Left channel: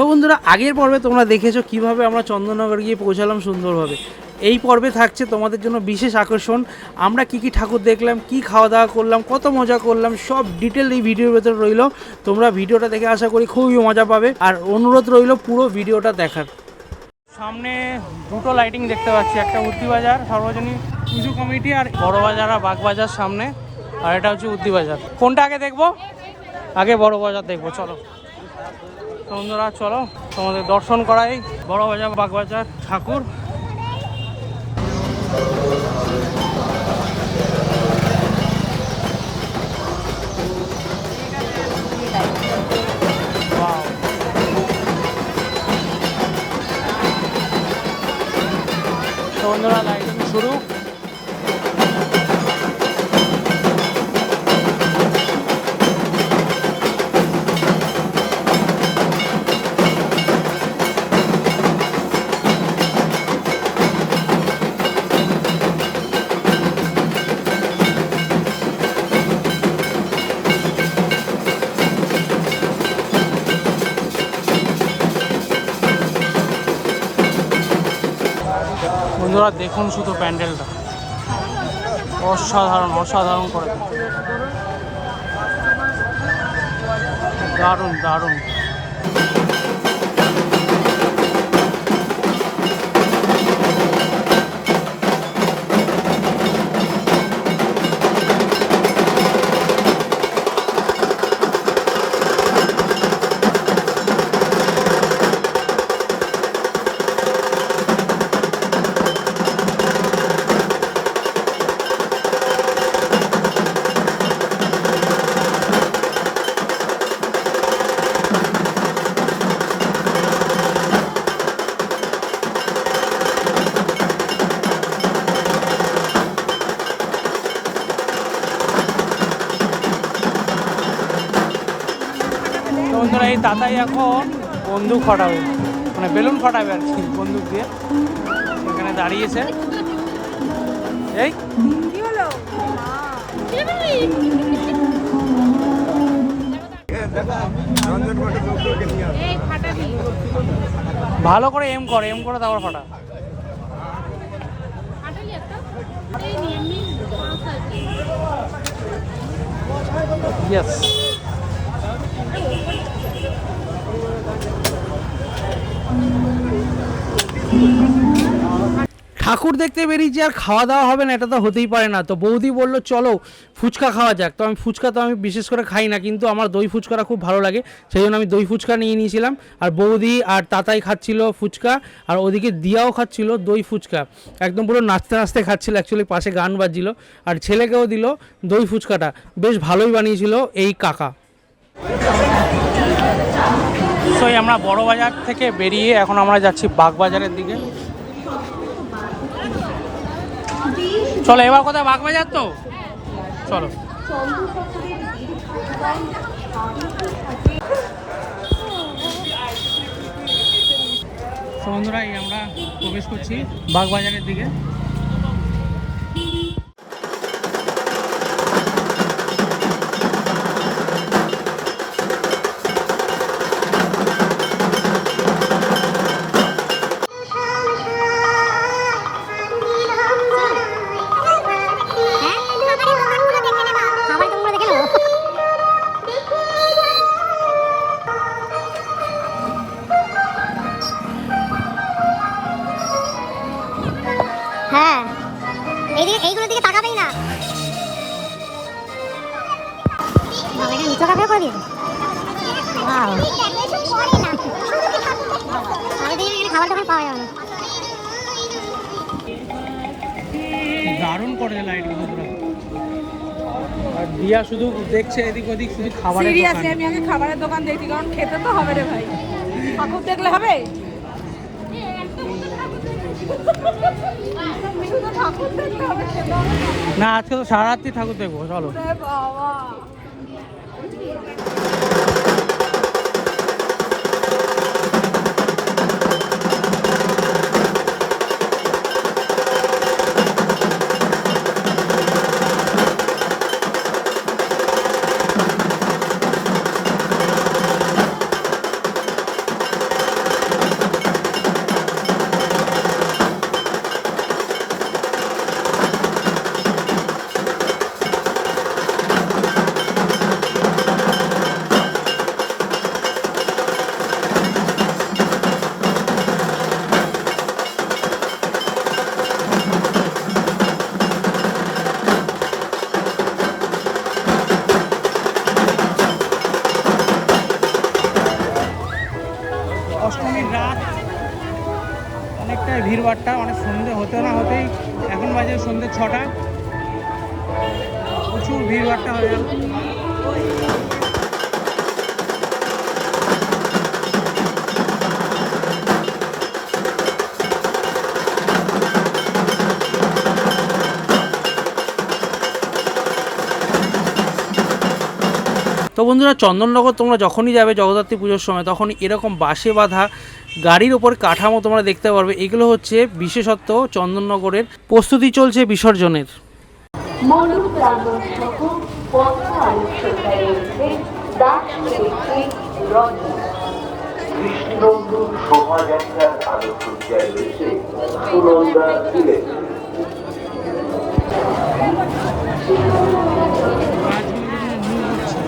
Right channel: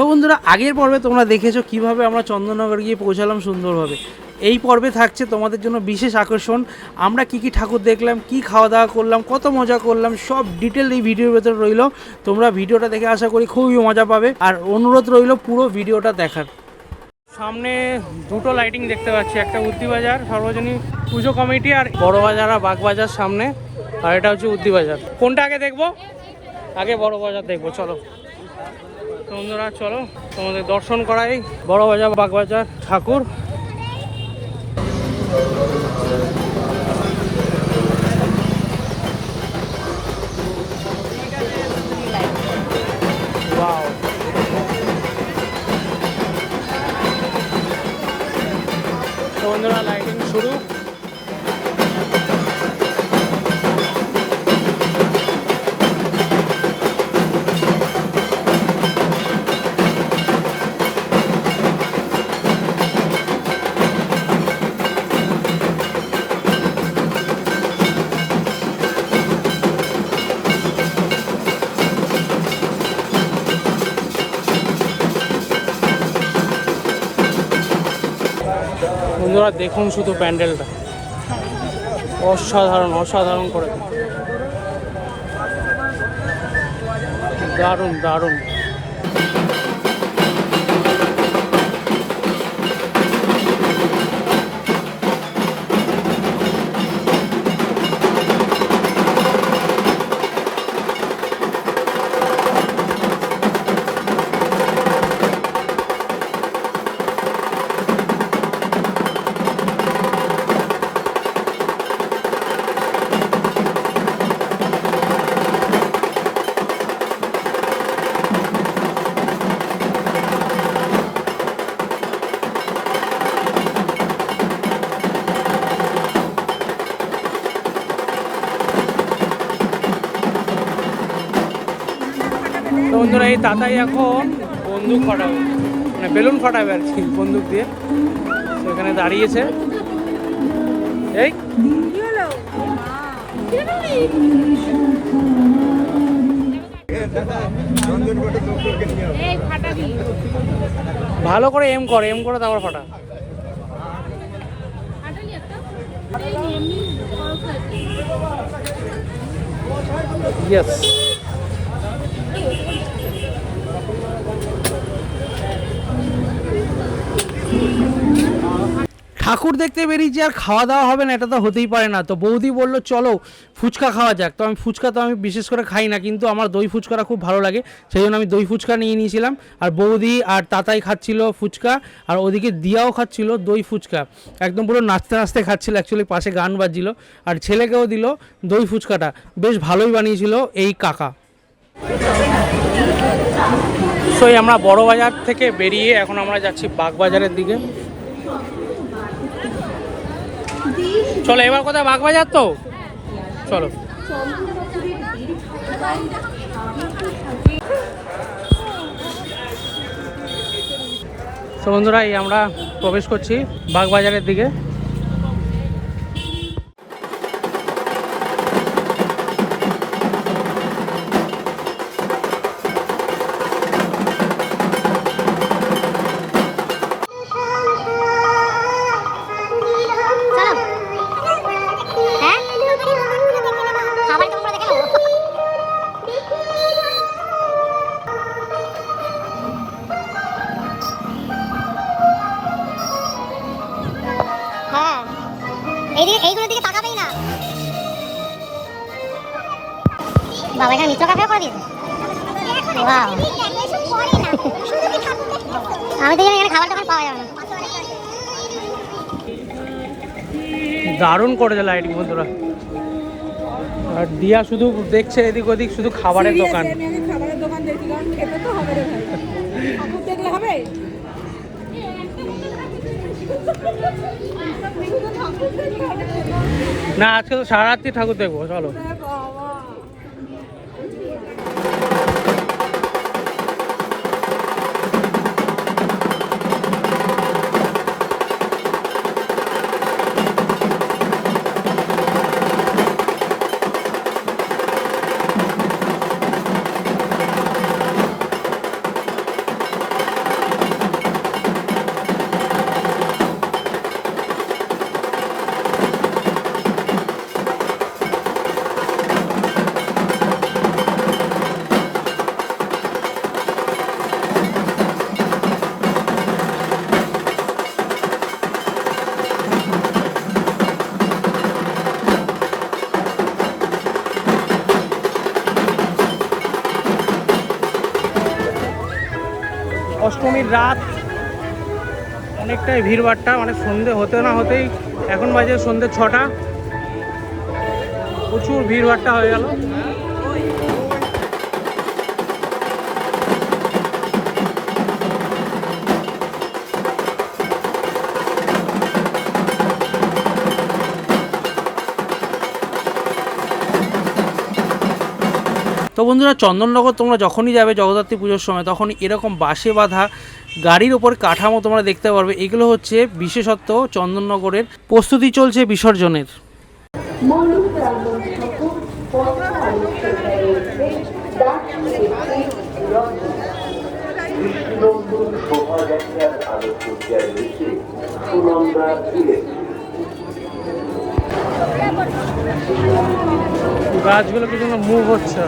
So বন্ধুরা, আগের পর্বে তোমরা দেখেছ কীভাবে আমরা চন্দননগর গিয়ে পৌঁছালাম সুন্দরভাবে। এই পর্বে থাকছে তোমাদের জন্য বিশেষ আকর্ষণ। আমরা কি কি ঠাকুর দেখলাম, কি খাওয়া দাওয়া করলাম, কত মজা করলাম, সব ডিটেল এই ভিডিওর ভেতরে রইল। তোমরা ভিডিওটা দেখে আশা করি খুবই মজা পাবে। আর অনুরোধ রইল পুরো ভিডিওটা দেখার। সামনে দুটো লাইটিং দেখতে পাচ্ছি, একটা উদ্দিবাজার সর্বজনীন পুজো কমিটি আর বড় বাজার আর বাগবাজার সামনে। আর এটা হচ্ছে উদ্দিবাজার কোনটা আগে দেখব? আগে বড় বাজার দেখব, চলো। তো বন্ধুরা চলো তোমাদের দর্শন করাই। বড় বাজার বাগবাজার ঠাকুর। বন্ধুরা দেখুন শুধু প্যান্ডেলটা অসাধারণ অসাধারণ করে। দারুণ দারুণ এই তাতাই এখন বন্দুক ফাটাবে। মানে বেলুন ফাটাবে আর কি, বন্দুক দিয়ে। এখানে দাঁড়িয়েছে। এই। ভালো করে এম করে এম করে তারপর ফাটা। ইয়েস ঠাকুর দেখতে বেরিয়েছি আর খাওয়া দাওয়া হবে না, এটা তো হতেই পারে না। তো বৌদি বলল, চলো ফুচকা খাওয়া যাক। তো আমি ফুচকা তো আমি বিশেষ করে খাই না, কিন্তু আমার দই ফুচকাটা খুব ভালো লাগে, সেই জন্য আমি দই ফুচকা নিয়ে নিয়েছিলাম। আর বৌদি আর তাতাই খাচ্ছিল ফুচকা, আর ওদিকে দিয়াও খাচ্ছিল দই ফুচকা। একদম পুরো নাচতে নাচতে খাচ্ছিল অ্যাকচুয়ালি পাশে গান বাজছিল। আর ছেলেকেও দিল দই ফুচকাটা। বেশ ভালোই বানিয়েছিল এই কাকা। এই আমরা বড় বাজার থেকে বেরিয়ে এখন আমরা যাচ্ছি বাগবাজারের দিকে। চলো, এবার কোথায়? বাগবাজার তো? চলো। বন্ধুরা, এই আমরা প্রবেশ করছি বাগবাজারের দিকে। করেছে লাইটিং বন্ধুরা। দিয়া শুধু দেখছে এদিক ওদিক শুধু খাবারের দোকান। আমি আগে খাবারের দোকান দেখি কারণ খেতে তো হবে রে ভাই। ঠাকুর দেখলে হবে। না আজকে তো সারা রাত্রি ঠাকুর দেখব চলো। বাবা। অনেকটাই ভিড়ভাট্টা অনেক সন্ধে হতে না হতেই এখন বাজে সন্ধে ছটা। প্রচুর ভিড়ভাট্টা হয়ে গেল। তো বন্ধুরা, চন্দননগর তোমরা যখনই যাবে জগদ্ধাত্রী পুজোর সময় তখন এরকম বাসে বাঁধা গাড়ির ওপর কাঠামো তোমরা দেখতে পারবে। এগুলো হচ্ছে বিশেষত্ব চন্দননগরের। প্রস্তুতি চলছে বিসর্জনের। শোভাযাত্রার আলোকসজ্জায় রয়েছে সুনন্দা গাছগুলো জন্য মুভ হচ্ছে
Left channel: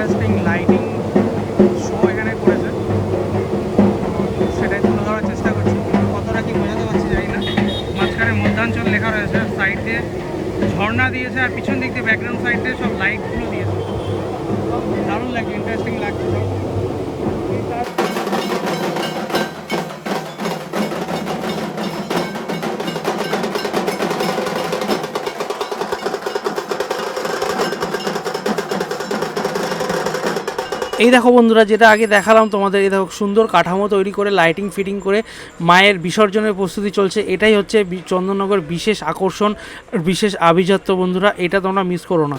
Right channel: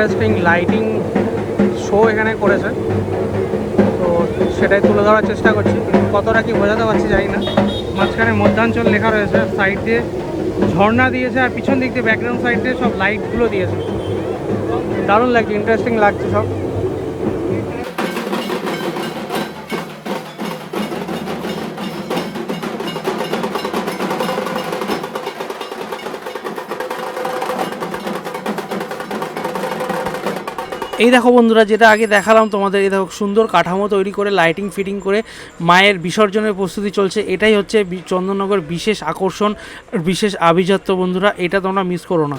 ইন্টারেস্টিং লাইটিং শো এখানে করেছে। তো সেটাই তুলে ধরার চেষ্টা করছি। কতটা কি বোঝাতে পারছি যাই না। মাঝখানে মধ্যাঞ্চল লেখা রয়েছে সাইড দিয়ে। ঝর্ণা দিয়েছে আর পিছন দিক দিয়ে ব্যাকগ্রাউন্ড সাইড দিয়ে সব লাইটগুলো দিয়েছে। দারুণ লাগছে ইন্টারেস্টিং লাগছে সব। এই দেখো বন্ধুরা, যেটা আগে দেখালাম তোমাদের, এই দেখো সুন্দর কাঠামো তৈরি করে লাইটিং ফিটিং করে মায়ের বিসর্জনের প্রস্তুতি চলছে। এটাই হচ্ছে চন্দননগর বিশেষ আকর্ষণ, বিশেষ আভিজাত্য বন্ধুরা, এটা তোমরা মিস করো না।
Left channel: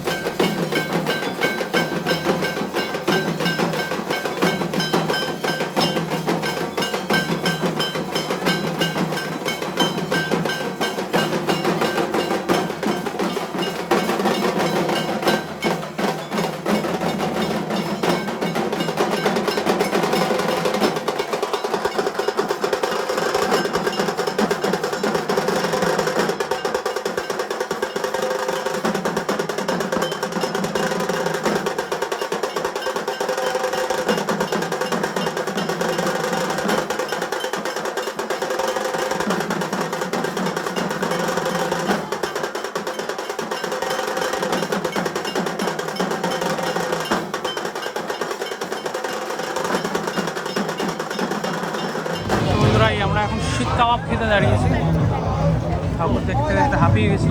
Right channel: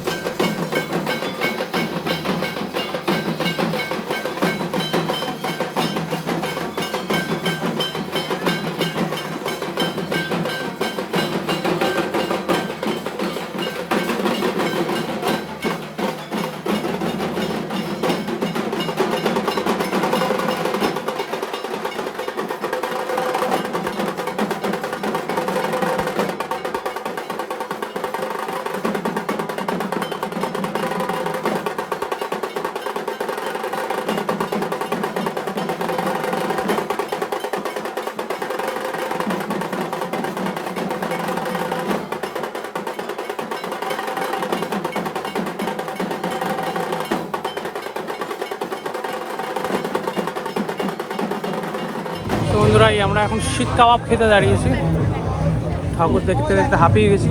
তো এই আমরা এখন শীত কাবাব খেতে দাঁড়িয়েছি। ঠাকুর দেখতে দেখতে হাঁপিয়ে গেছি।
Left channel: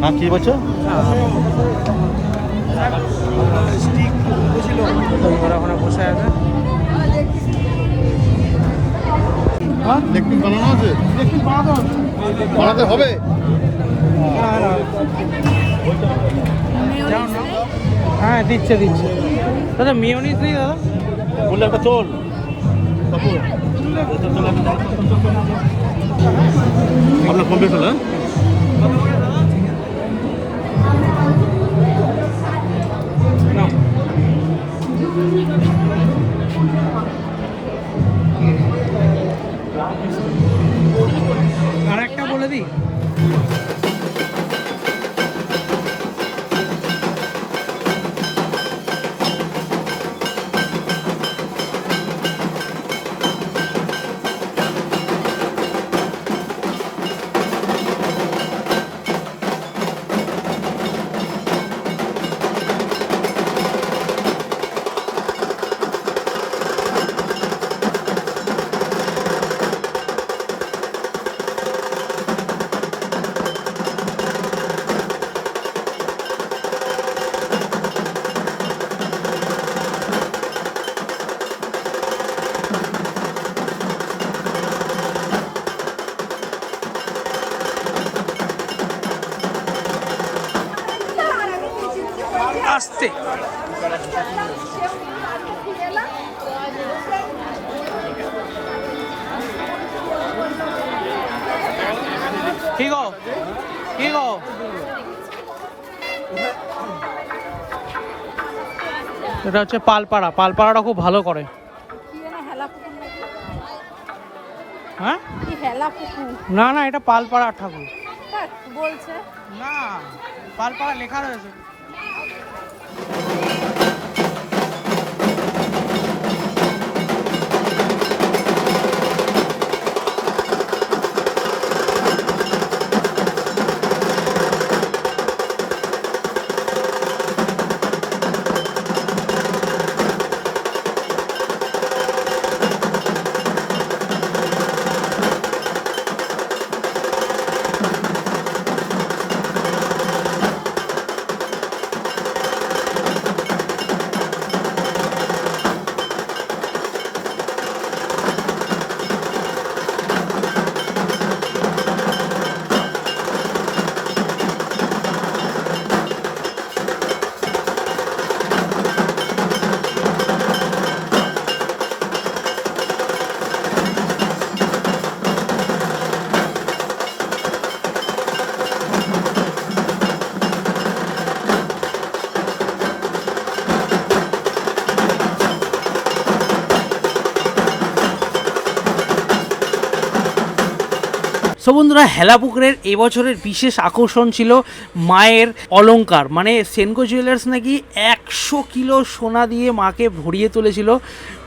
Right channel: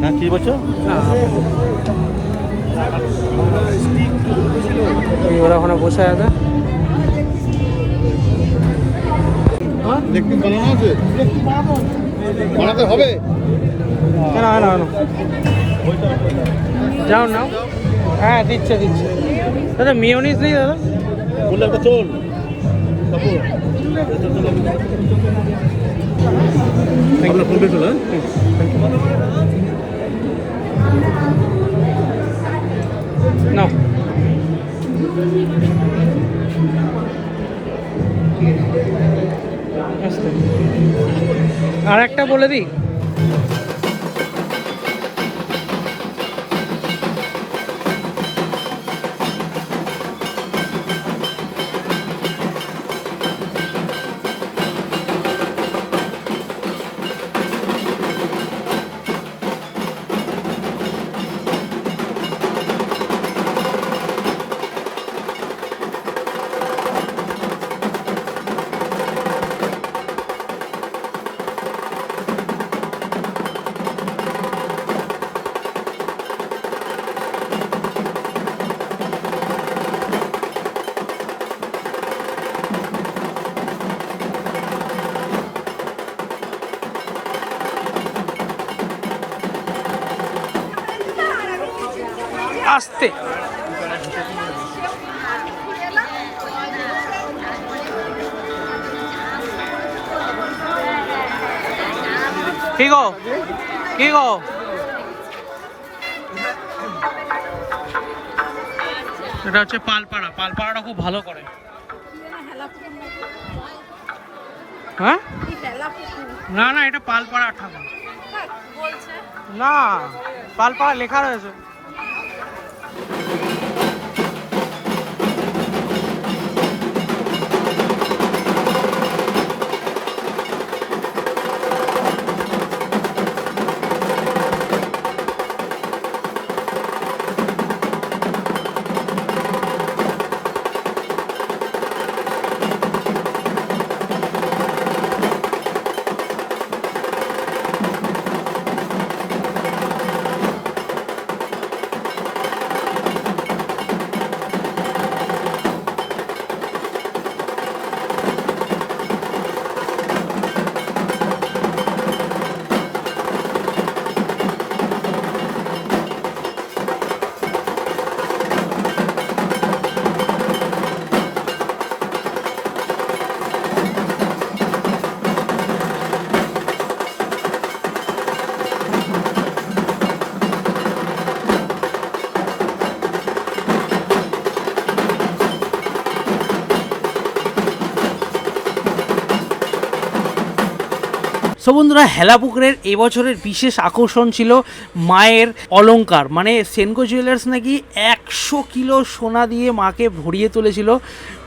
হ্যাঁ কি বলছো? না। ওরা ওখানে বসে আছে? হ্যাঁ হবে না, না, না। যাও না। হ্যাঁ দিচ্ছে দিচ্ছে। দাদা মিওনিস নেই দাদা? বললে একটা চল। আপনার কমপ্লিট হলো না আর একটা বলে দিই। আসতে। কি গো? কি গো? এটা হচ্ছে পালপাড়া। পালপাড়াটা খুব ভালো করে? হ্যাঁ? না না এটা পালপাড়া ঠাকুর। না পালপাড়া লেখা রয়েছে। সো বন্ধুরা, হেলাপুকুরের এবছরের বিশেষ আকর্ষণ ছিল মায়ের অলঙ্কার মানে সেনকো জুয়েলার্স নাকি একশো কিলো সোনা দিয়ে মাকে ভরিয়ে তুলেছিল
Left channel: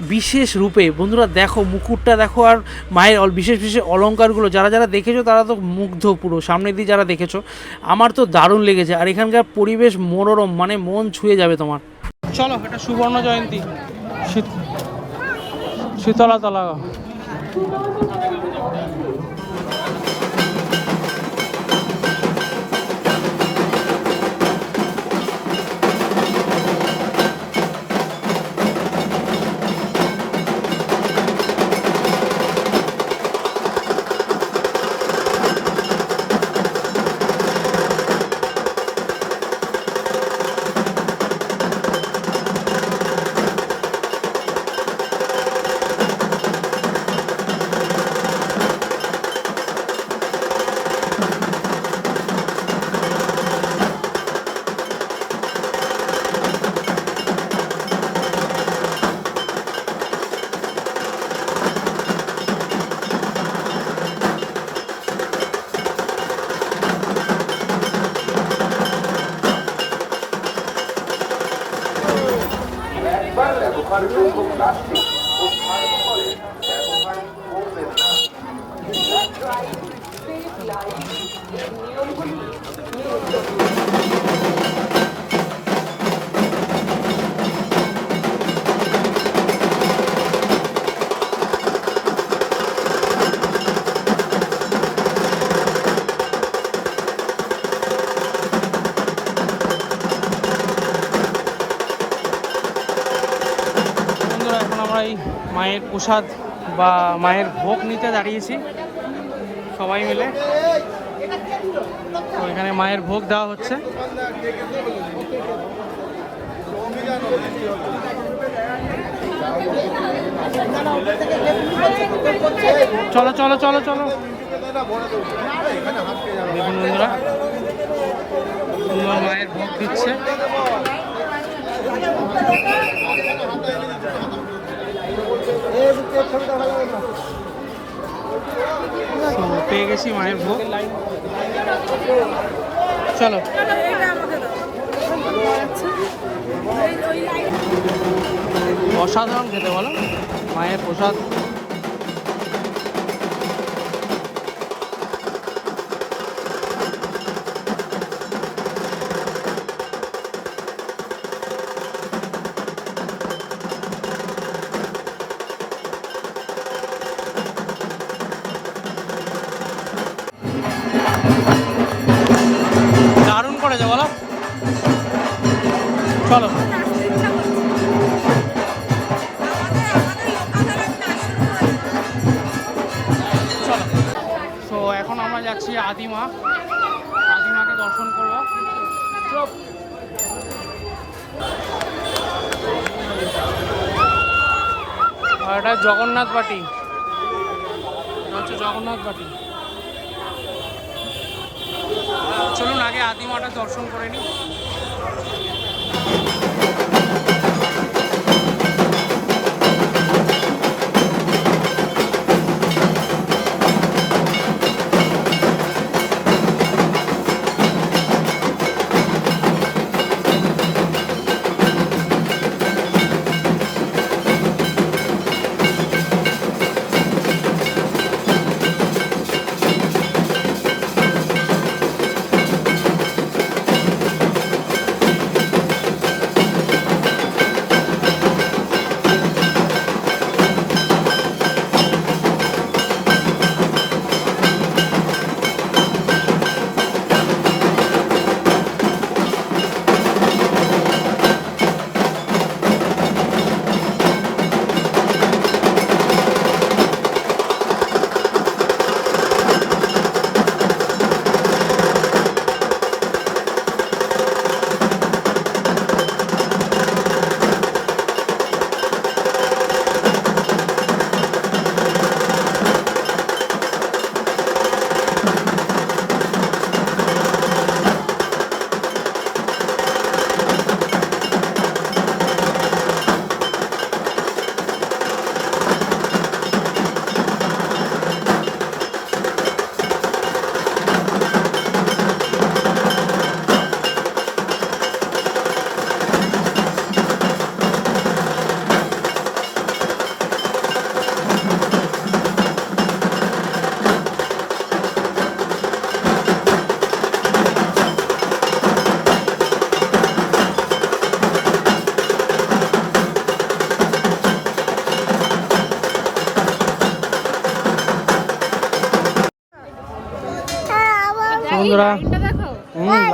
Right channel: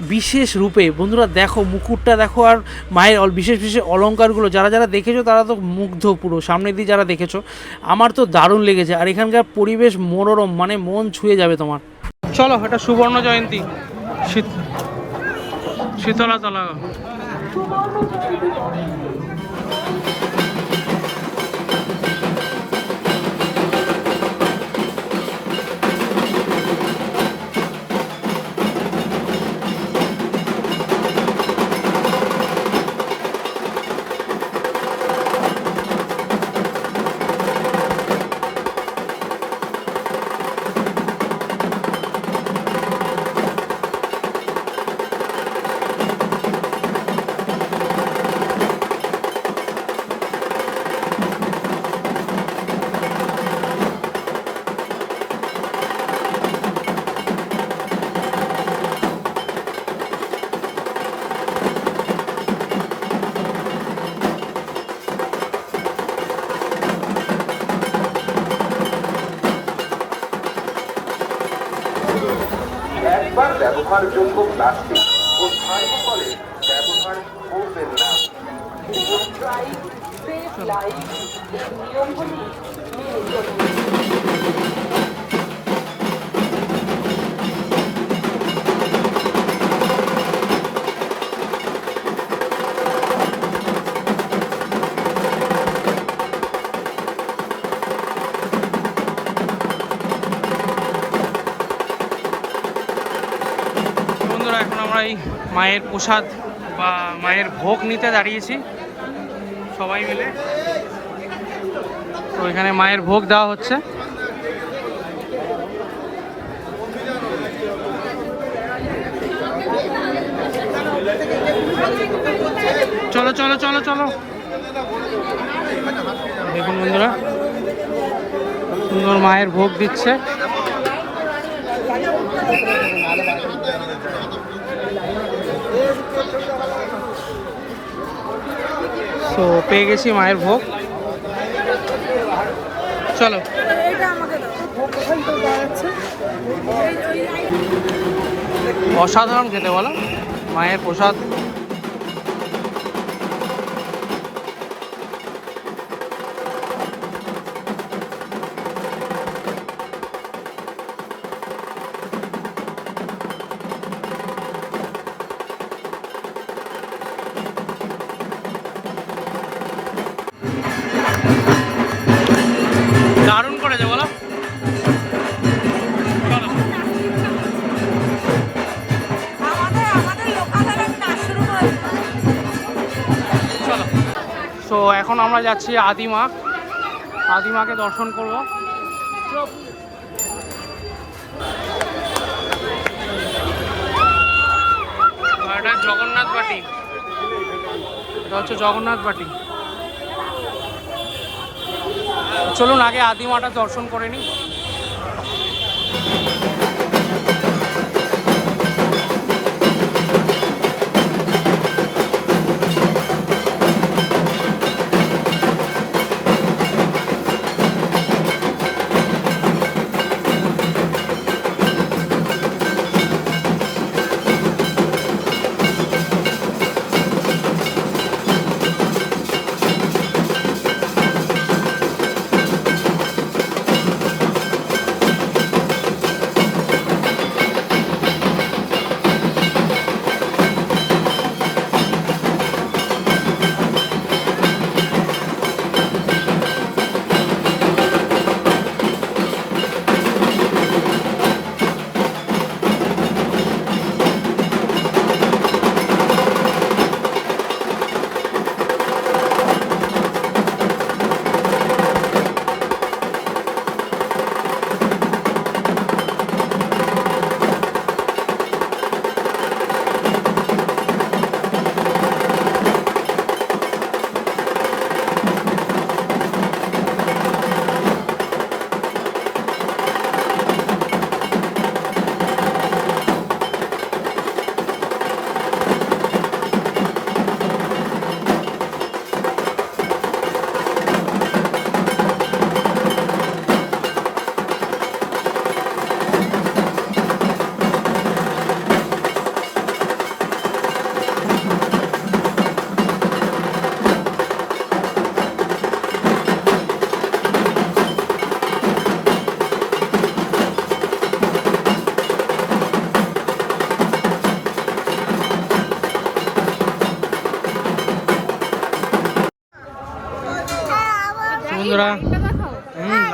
বিশেষ রূপে। বন্ধুরা, দেখো, মুকুটটা দেখো আর মায়ের বিশেষ বিশেষ অলঙ্কারগুলো যারা যারা দেখেছ তারা তো মুগ্ধ পুরো, সামনে দিয়ে যারা দেখেছ, আমার তো দারুণ লেগেছে। আর এখানকার পরিবেশ মনোরম মানে মন ছুঁয়ে যাবে তোমার। চলো, এটা সুবর্ণ জয়ন্তী। শীত- এখন আমরা মায়ের প্রসাদ বা মায়ের ভোগ নিতে দাঁড়িয়েছি। সবাই মিলে তো এখানে মায়ের ভোগ দেওয়া হচ্ছে। চলো চলো চলো চলো। দেখুন বন্ধুরা, সুন্দর মায়ের ভোগ দিচ্ছে। তো পেয়ে গেছি মায়ের ভোগ। চলো। অসাধারণ খেতে বলো। মায়ের প্রসাদ। আমরা যাচ্ছি আদিমা। আদিমাকে দর্শন করব। এটা জগন্নাথ বাটি। এটা হচ্ছে জগন্নাথ বাটি। চলুন আগে আদিমাটা দর্শন করে নিই।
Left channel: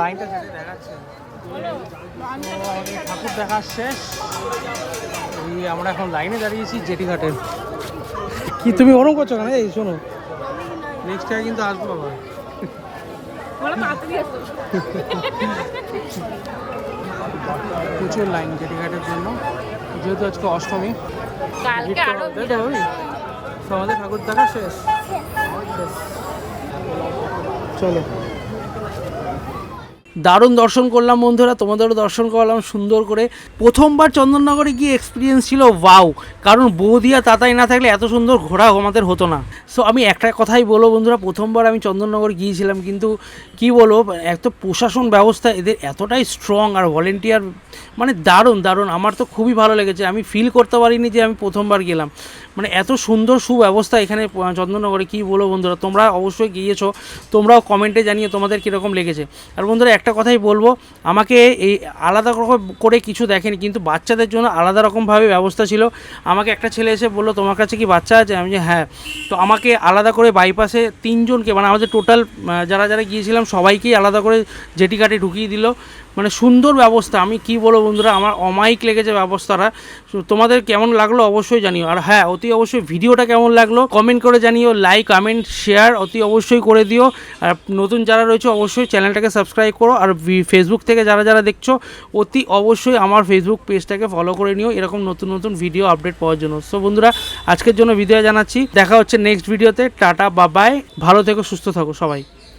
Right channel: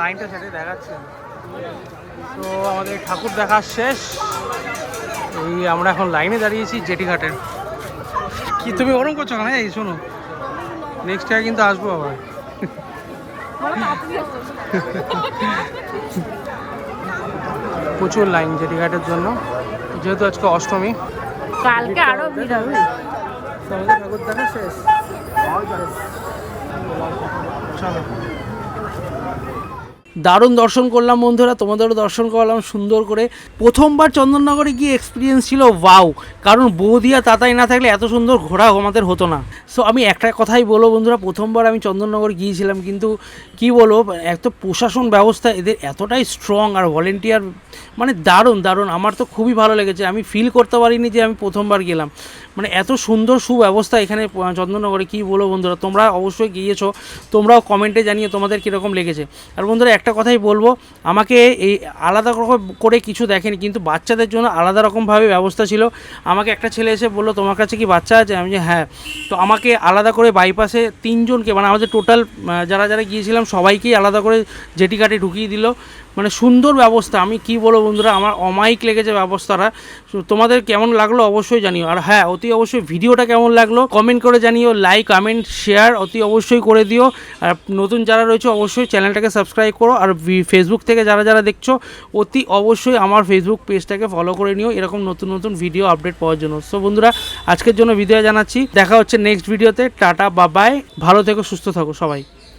লাইনটা সাথে দেখাচ্ছে। তো আমাদের ঠাকুর দেখা শেষ। এই আমরা এখন লাইনে দাঁড়িয়েছি জেটি ঘাটের কি তুমি ওরকম করছ কেন? এই শোনো। নেক্সট টাইম কিন্তু আসব আবার। প্রচুর লাইন জেটি ঘাটের জন্য। যেহেতু আজকে অষ্টমী। তো আমাদের ঠাকুর দেখা শেষ। চলো। দারুণ দর্শন করলাম বন্ধুরা, তোমাদেরও দর্শন করলাম সুন্দর করে। প্রথমবার চন্দননগরে গিয়ে এক্সপিরিয়েন্স ছিল ওয়াও কারণ বৌদিয়া তাতাই না থাকলে এত সুন্দর ঘোরা আমাদের হতো না। সো আমি একটা কথাই বলব বন্ধুরা, প্রথমবার আমি চন্দননগর গিয়েছিলাম, কিন্তু কি বলব, এত প্রশাসন ব্যবস্থা এদের এতটাই স্ট্রং আর ভলেন্টিয়ার মানে দারুণ দারুণ। আমার তো খুবই ভালো লেগেছে। আমি ফিল করতে পারিনি যে আমি প্রথমবার গেলাম। মানে এত সুন্দর সুব্যবস্থা এখানে চন্দননগরে, কী বলব বন্ধুরা, তোমরা অবশ্যই গিয়েছো, তোমরাও কমেন্টে জানিয়ে তোমাদের কীরকম লেগেছে। আর বন্ধুরা, একটা কথাই বলব, আমাকে এই আলাদা রকম করে কিছু দেখেনি, কিন্তু বাচ্চাদের জন্য আলাদা রকমভাবে ব্যবস্থা ছিল। আমাকে একটা ছেলে এসে বলল, তোমার কাছে কি বাচ্চা আছে? আমি যে হ্যাঁ। তো আমাকে আলাদা করে বাইপাসে তিনজনকে মানে আমাদের টোটাল যারা যারা গিয়েছিলাম, সবাইকেই আলাদা করে জেটি কাটে ঢুকিয়ে দিল। মানে সুন্দর ব্যবস্থা। আমি কি বলব বন্ধুরা, আমার অমায়িক লেগেছে ব্যবস্থাটা। তোমাদের কেমন লাগল অবশ্যই জানিও। আর হ্যাঁ অতি অবশ্যই ভিডিওটা কেমন লাগল কমেন্ট করে জানিও। লাইক কমেন্ট শেয়ার অতি অবশ্যই করে দিও। আর নতুন যারা রয়েছে অবশ্যই চ্যানেলটাকে সাবস্ক্রাইব করো। আর ফেসবুক থেকে যারা যারা দেখছ, অতি অবশ্যই আমার ফেসবুক পেজটাকে ফলো করে নিও। এরকম নতুন নতুন ভিডিও আপডেট পাওয়ার জন্য। সো বন্ধুরা, আজকের জন্য ভিডিও জানাচ্ছি। দেখা হচ্ছে নেক্সট ভিডিওতে টাটা বাবাই ভালো থেকো, সুস্থ থাকো সবাই।